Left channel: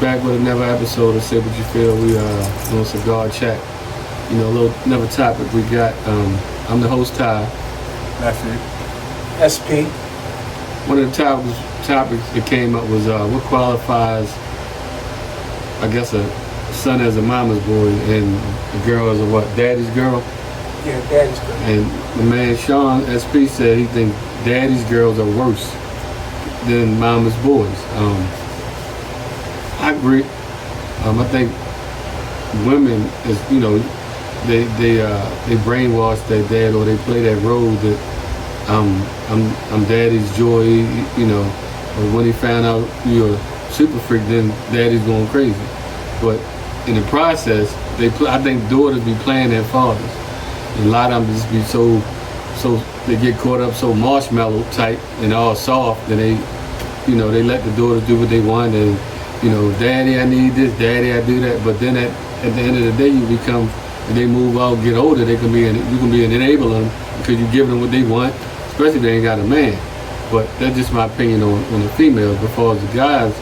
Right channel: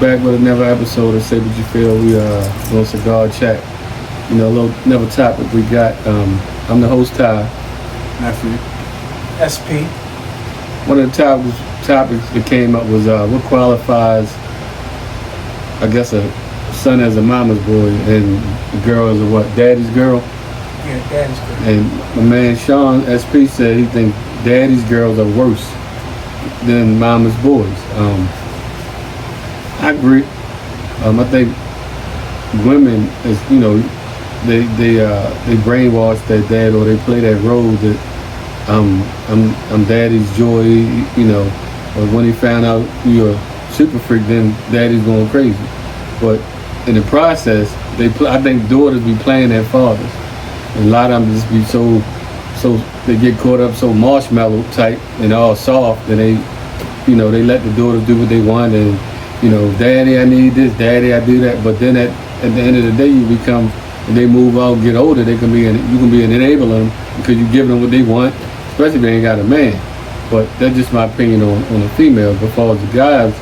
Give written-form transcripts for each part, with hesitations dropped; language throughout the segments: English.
Back with another episode of Say What You Feel. We doing cigar chat. You know, a little another topic we got. I'm the host, Ty. Nephew. SP. One of the topics that came up was what qualifies, I guess, a son as a mama's boy and a girl as a what? Daddy's girl? Yeah, daddy's girl. And my man Sean, SP, said he thinks daddy's girls are worse than mama's boys. I agree. I think women, is they brainwash their dad, or they play that role that I'm daddy's joy, or when he found out you're a super freak, then daddy's going crazy. But in the process, I think daughters be playing their fathers, and a lot of them just be so they get caught up so marshmallow type and all soft, and they let the daughters do what they want, and daddy, I need this, daddy, I do that. But then at the end of the day, you become, and they move on, get older, you can be an enabler because you give them what they want, especially if they ain't got a man. But that's just my opinion on the females. But for the guys,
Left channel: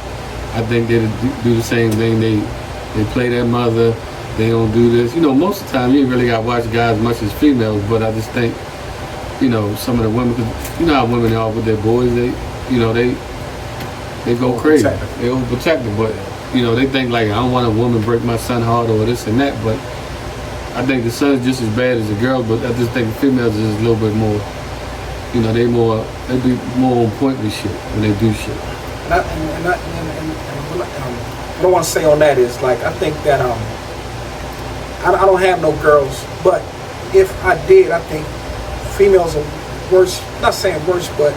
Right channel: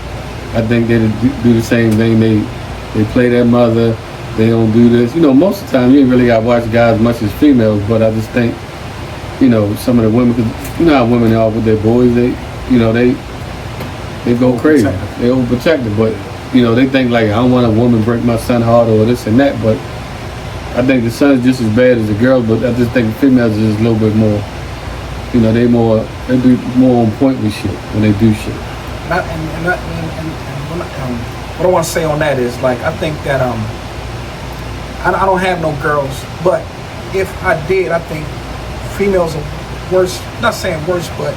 I think they do the same thing. They play their mother. They don't do this. Most of the time you ain't really got to watch guys as much as females. But I just think, some of the women, because you know how women are with their boys. They go crazy. They overprotective, but they think like, I don't want a woman break my son's heart or this and that. But I think the son is just as bad as the girl. But I just think the females is just a little bit more. They be more on point with shit when they do shit. What I want to say on that is, like, I think that I don't have no girls, but if I did, I think females are worse. Not saying worse, but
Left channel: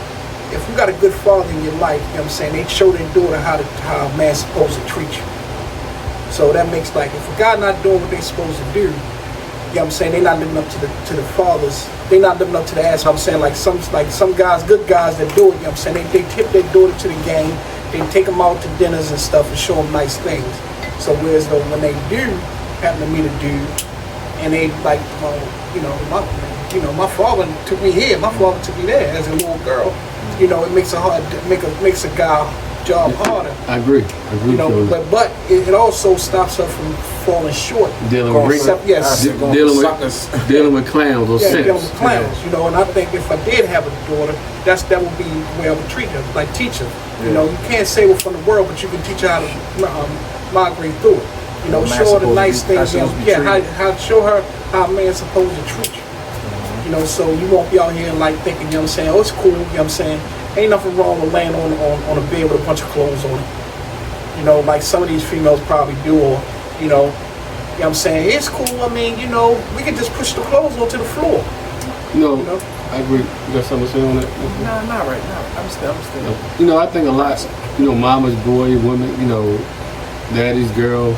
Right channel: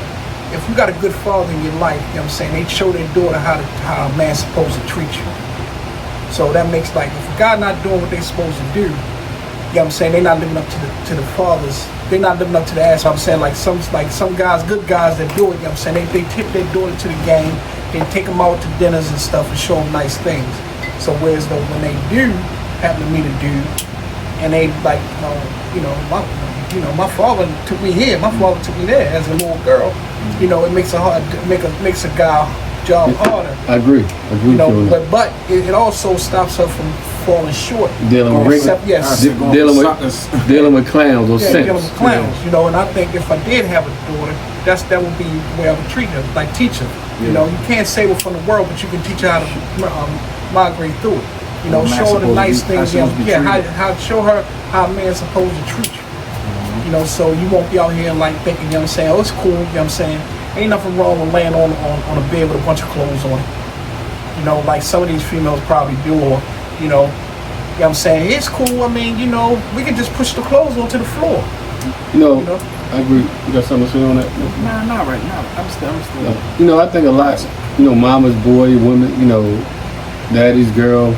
if you got a good father in your life, they show their daughter how a man's supposed to treat you. So that makes, like, if a guy not doing what they supposed to do, they not living up to the fathers. They not living up to the ass. Like some guys, good guys that do it. They tip their daughter to the game. They take them out to dinners and stuff and show them nice things. So whereas when they do happen to meet a dude, and they like, my father took me here, my father took me there as a little girl. It makes a guy job harder. I agree. But it also stops her from falling short. Dealing with clowns or dealing with clowns. And I think if I did have a daughter, that would be where I would treat her, like teach her. Yeah. You can't save her from the world, but you can teach her how to migrate through it. Show her the nice things. Show her how a man's supposed to treat you. Mm-hmm. So you won't be out here like thinking, oh, it's cool, ain't nothing wrong with laying on a bed with a bunch of clothes on it. Like some of these females probably do, or, it's cool. We can just push the clothes onto the floor. I agree. You got something to say on that? Nah, not right now. I'm still. I think a lot, mama's boy, women, daddy's girl.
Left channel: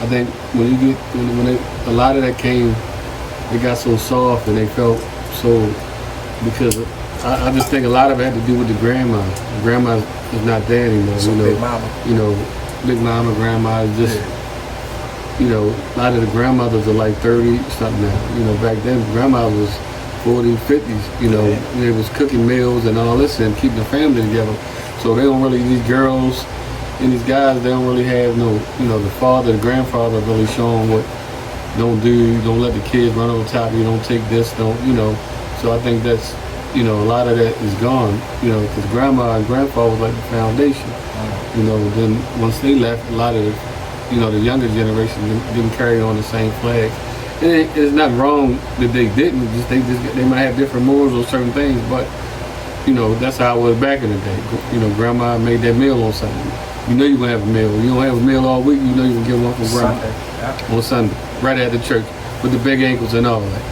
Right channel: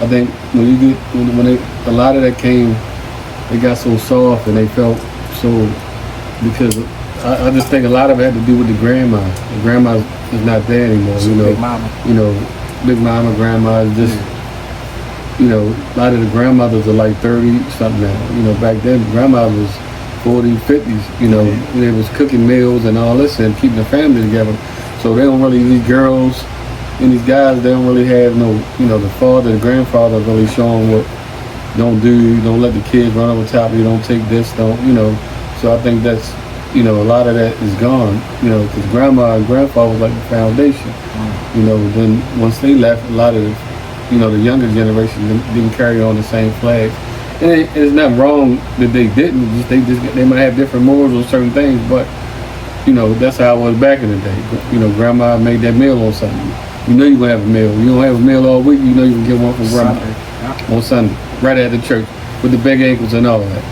I think when a lot of that came, they got so soft and they felt so, because I just think a lot of it had to do with the grandma. The grandma is not there anymore. So big mama. Big mama, grandma is just, a lot of the grandmothers are like 30 something now. Back then grandma was 40s, 50s. They was cooking meals and all this and keeping the family together. So they don't really, these girls and these guys, they don't really have no, the father, the grandfather really showing what don't do, don't let the kids run over top of you, don't take this, don't. So I think that's, a lot of that is gone, because grandma and grandpa was like the foundation. Then once they left, a lot of the younger generation didn't carry on the same flag. And there's nothing wrong that they didn't, they might have different morals on certain things, but, that's how it was back in the day. Grandma made that meal on Sunday. You're going to have a meal. You don't have a meal all week, you can get one from grandma on Sunday, right at the church, with the big ankles and all that.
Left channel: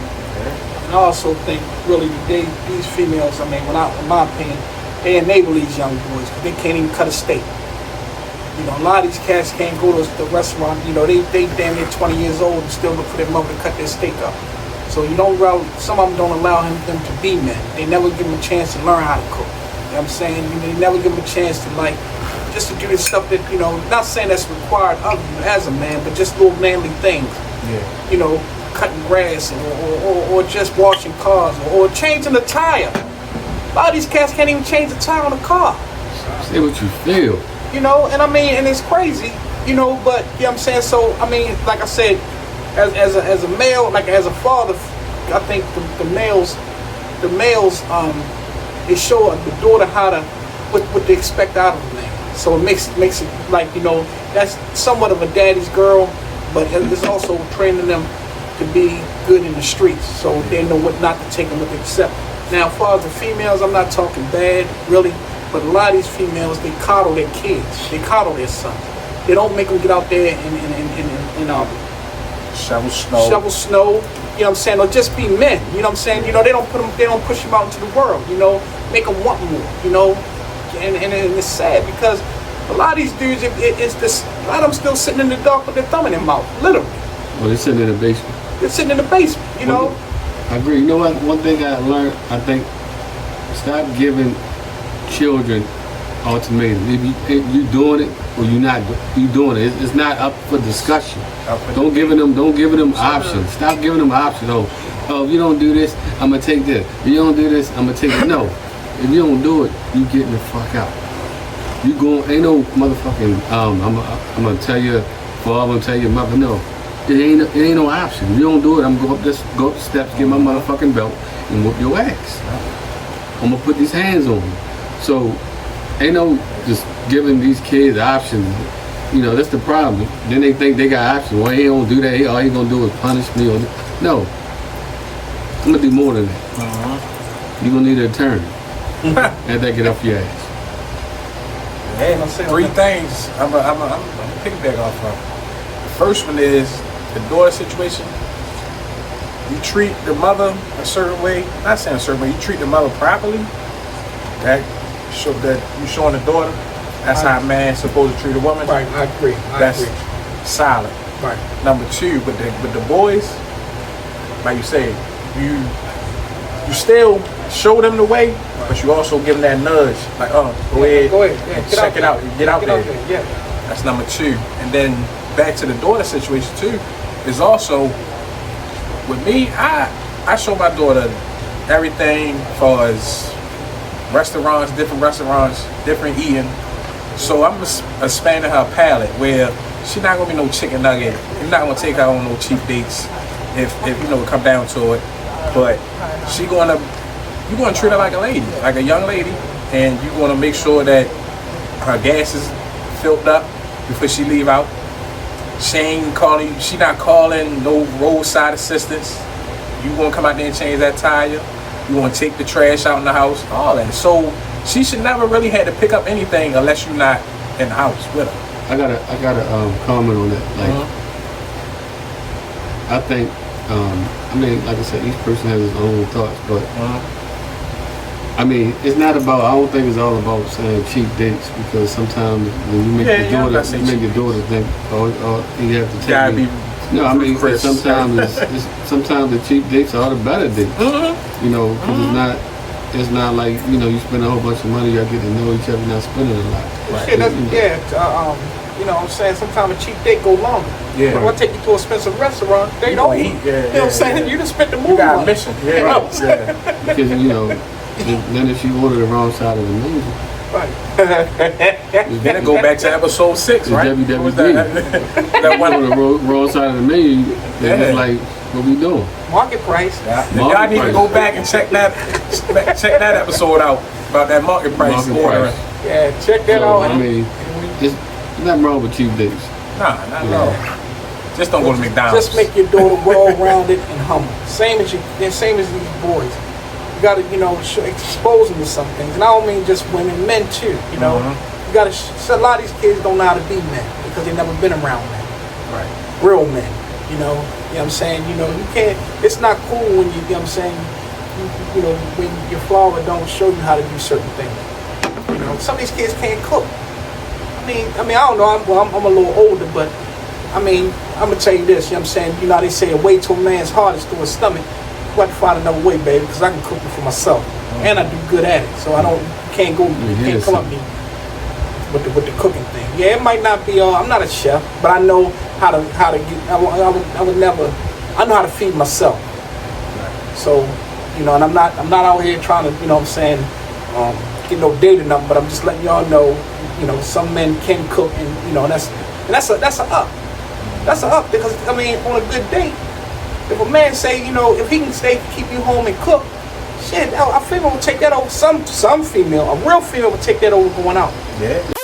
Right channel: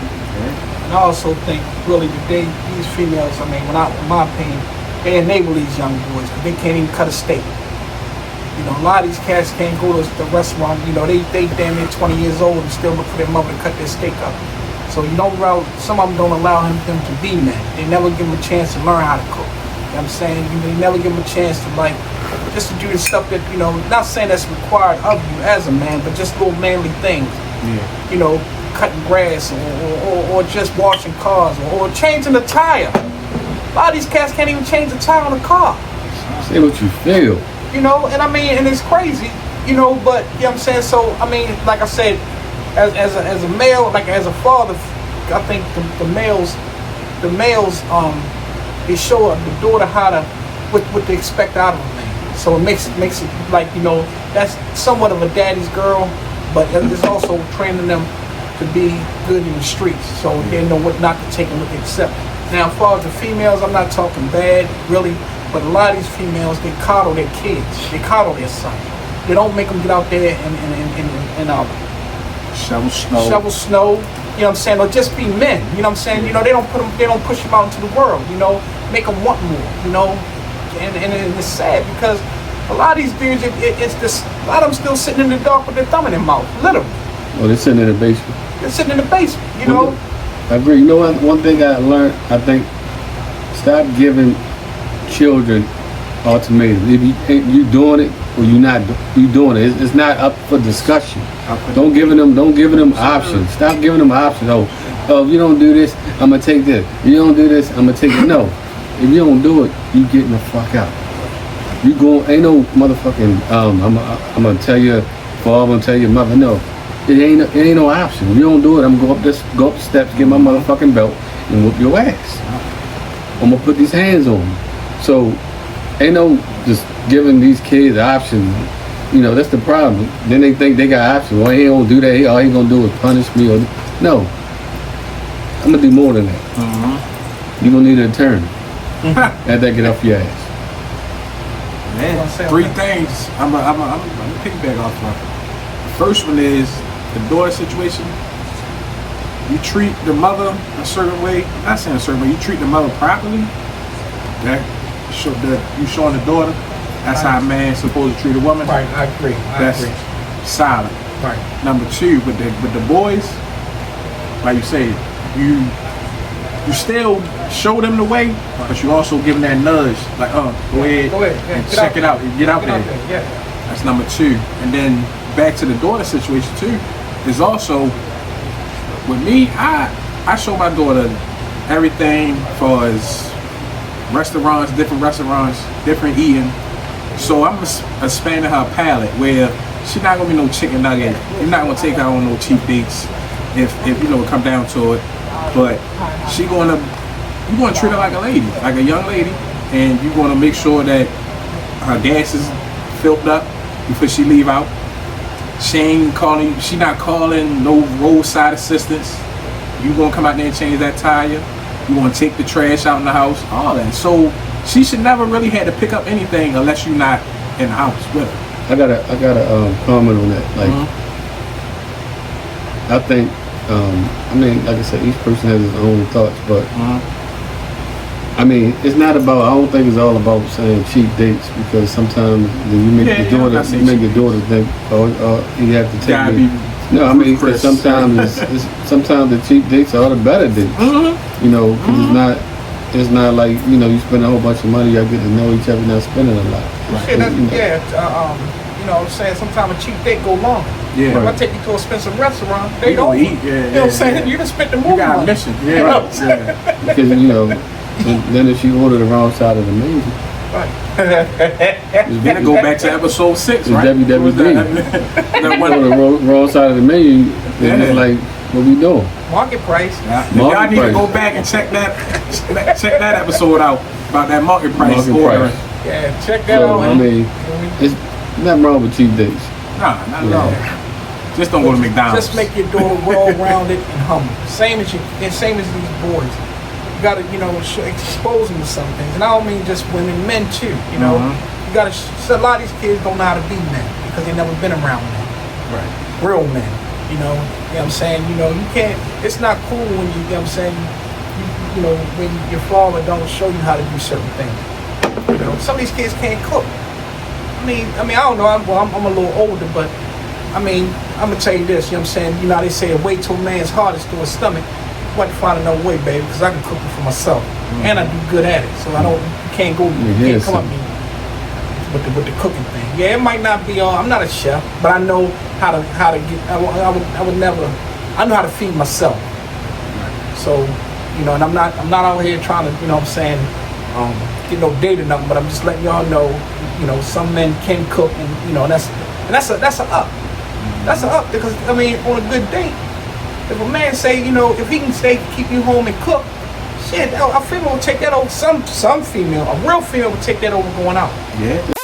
I also think, really, these females, in my opinion, they enable these young boys because they can't even cut a steak. A lot of these cats can't go to the restaurant. They damn near 20 years old and still look for their mother to cut their steak up. So some of them don't allow him to be men. They never give him a chance to learn how to cook. They never give him a chance to just to do the stuff that, not saying that's required of you as a man, but just little manly things. Yeah. Cutting grass or just washing cars or changing the tire. A lot of these cats can't even change the tire on a car. Say what you feel. And and it's crazy. you know, but you know what I'm saying. So I mean, like I said, as a male, like as a father, I think the males, they show the daughter how to what they expect out of a man. So it makes it like, you know, that's somewhat of a daddy's girl, but it's also training them to be good in the streets, so they know what not to take and what to accept. Now, as far as the females, I'm not talking bad, really, but a lot of these females, they coddle their kids, they coddle their sons. They don't make them get out there and Shovel snow. shovel snow, you know what I'm saying, or just be men, you know what I'm saying. You know, they don't push them out into the world, you know, make them want more, you know, and it's sad because a lot of these dudes, it's just, a lot of them still sitting in the dark with their thumb in their mouth, literally. Well, they're sitting in the basement. They're sitting in the basement, you know. I agree. You know what? One thing I learned, I think, stop giving children ultimatums. If you doing it or you not, you doing it. It's not up for discussion. Don't giving them options. Stop giving them options. Oh, if you don't do this, I'm gonna take this. If you don't do this, I'm gonna take it. No, if you don't do it, you getting the fuck out. You going? Ain't no motherfucking. I'm gonna tell you, father. I'm gonna tell your mother. No, it ain't no option. If you don't do it, I'm gonna go up the steps, get my motherfucking belt, and whoop your ass. I'm gonna put these hands on you. So ain't no just giving these kids options. You know, that's the problem. Then they think they got options. Well, he don't do that. All he gonna do is punish me. Or no, I'm gonna do more than that. You gonna need an attorney. Let that get off your ass. Yeah, three things I'm gonna piggyback off of. The first one is the daughter situation. You treat the mother a certain way. I'm not saying a certain way. You treat the mother properly. That you showing the daughter. That's how a man's supposed to treat a woman. Right, I agree. That's solid. Right. Number two, with the boys, like you say, you still show them the way, but you also give them that nudge, like, go ahead and check it out, get out there. Yeah. That's number two. And then back to the daughter situation too, is also with me. I show my daughter everything for as restaurants, different eating. So I'm expanding her palate where she's not gonna be no chicken nugget. You're not gonna take her on no cheap dates if you know it come down to it. But you're gonna treat her like a lady, like a young lady, and you're gonna make sure that her gas is filled up before she leave out. She not calling no roadside assistance. You gonna come out there and change that tire. You want to take the trash out in the house, all that. So she should never really have to pick up anything unless you're not in the house with her. I got a comment on that. Like, I think, I mean, like I said, each person has his own thoughts, but I mean, it's not about. I don't think it's all about saying cheap dates, because sometimes you make your daughter think, you have to take me. No, I mean, sometimes the cheap dates are the better dates. You know, 'cause it's not like, you know, you spend a whole bunch of money, y'all get to know each other, not spending a lot. Right. You know what I'm saying? Sometimes a cheap date go long. Yeah. If I take you to an expensive restaurant, they don't eat. You know what I'm saying? You done spent the money. You got a mission. Yeah. You know what I'm saying? Because, you know, then if you order the wrong side of the menu, Gotta go back to episode 6, right? WWE. That one on the wrong side of the menu, they're just like, what we doing? Market price. Y'all need to go back and check that episode out about that market price ordering. Yeah, check that out. I mean, it's nothing wrong with cheap dates. Nah, not at all. Just don't go to McDonald's. Just make your daughter well-rounded and humble. Same as these boys. You gotta, you know, expose them to some things. And I don't mean just women, men too. You know, you gotta. So a lot of these kids don't know how to be men because they never been around men. Right. Real men. You know what I'm saying? You know, you can't. It's not cool when you know what I'm saying. You know, when your father don't show you how to do certain things. You know, some of these kids can't cook. I mean, I don't know. I'm a little older, but I mean, I'm gonna tell you this. You know what I'm saying? You know, they say a way to a man's heart is through his stomach. You got to find another way, baby, because I can cook it for myself, and I do good at it. So I don't. You can't go. You can't come at me with the cooking thing. Yeah, it might not be. I'm not a chef, but I know how to get. I would never. I know how to feed myself. So, you know, and I'm not out here trying to, you know what I'm saying, get no date or nothing, but I'm just letting y'all know, you know, some men can cook, and, you know, that's And that's a up. That's a up because I mean, on a good day, if a man say, you know, if he can stay, keep you home and cook, shit, a female will take that over. Some female, a real female will take that over going out. Yeah.